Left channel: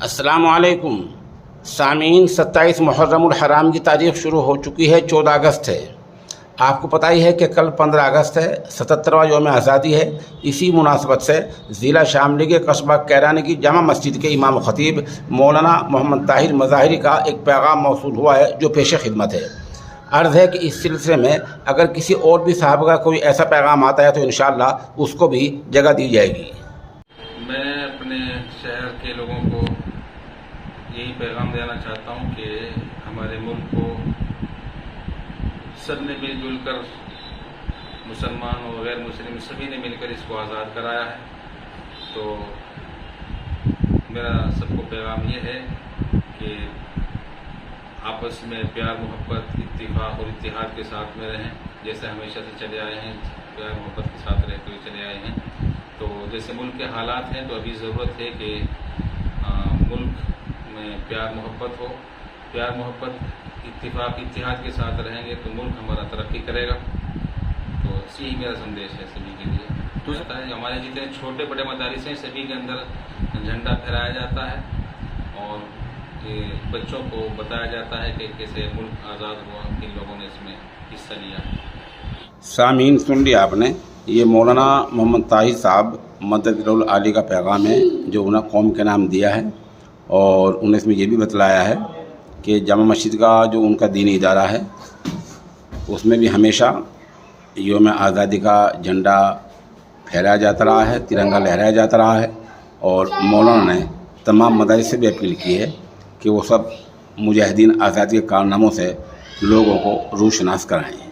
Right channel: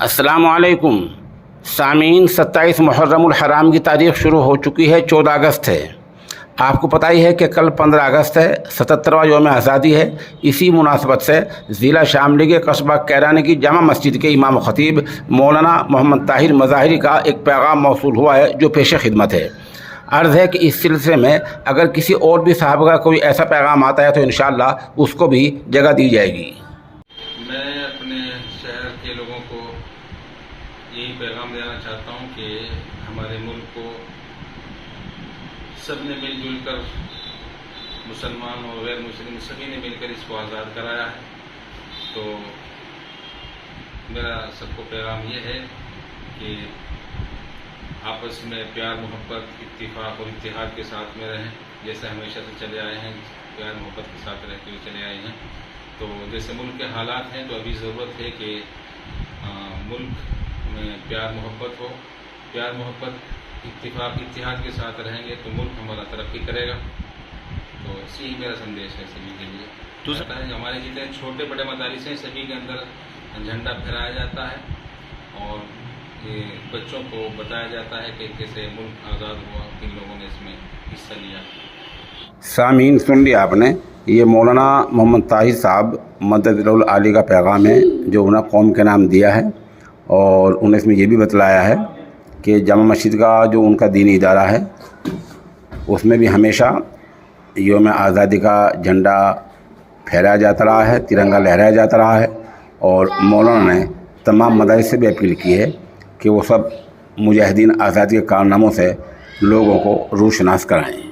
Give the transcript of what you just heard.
السلام علیکم سامعین، 27 محرم الحرام کی تاریخ شروع ہو چکی ہے، 14 اگست ہے۔ آپ کو پتہ ہی ہے کہ کل 15 اگست ہے، 77واں یوم آزادی ہے۔ اسی مناسبت سے ضلع شاملی کے قصبہ کیرانی کی جامع مسجد کے امام خطیب مولانا محمد طاہر مظاہری کا ایک پیغام موصول ہوا ہے جو پیش خدمت ہے۔ عرض ہے کہ اس سلسلے میں اگر کسی اور بھی صاحب کا کوئی ایسا پیغام آتا ہے تو انشاءاللہ اس کو بھی جگہ دی جائے گی۔ میں اپنے شہر کے لوگوں کو یہی پیغام دینا چاہتا ہوں کہ ہمارے ملک کو سب نے مل جل کر، مسلمان اور غیر مسلم سبھی نے مل کر اس کو آزاد کرایا ہے۔ تو میرا سب کو پیغام یہ ہے کہ آپس میں پیار محبت، اتفاق اور اتحاد کے ساتھ میں رہیں، جیسے ہمیشہ سے چلے آئے ہیں، پیار محبت کے ساتھ رہتے ہوئے چلے آئے ہیں۔ تو جیسے ملک کے حالات ہیں تو ابھی ضرورت ہے کہ ملک میں پیار محبت ہو، پیار محبت اتفاق اتحاد کے ساتھ رہیں گے تو ملک ہمارا ترقی کرے گا۔ تو یہی میرا سندیش ہے سبھی کے لیے۔ ہمارے جتنے چھوٹے بڑے مدارس ہیں سبھی کے اندر جھنڈا پھہرایا جاتا ہے اور یہ بچوں کو بتایا جاتا ہے کہ کیسے ملک آزاد ہوا، کن لوگوں نے اس میں حصہ لیا۔ سامعین، سن لیا آپ نے، یہ مولانا محمد طاہر صاحب مدد العالی کا پیغام ہے جو انہیں قوم کے نام دیا ہے، اور انہیں اس میں یہ بھی بتلایا ہے کہ جامع مسجد کا جو ان کا دینی ادارہ ہے اس میں بھی ہمیشہ یوم آزادی کا جھنڈا پھہرایا جاتا رہا ہے، ترنگا لہرایا جاتا رہا ہے، اور مولانا نے تمام مدارس سے بھی اپیل کی ہے کہ وہ سب مجاہدین آزادی کے کارناموں سے لوگوں کو روشناس کرائیں۔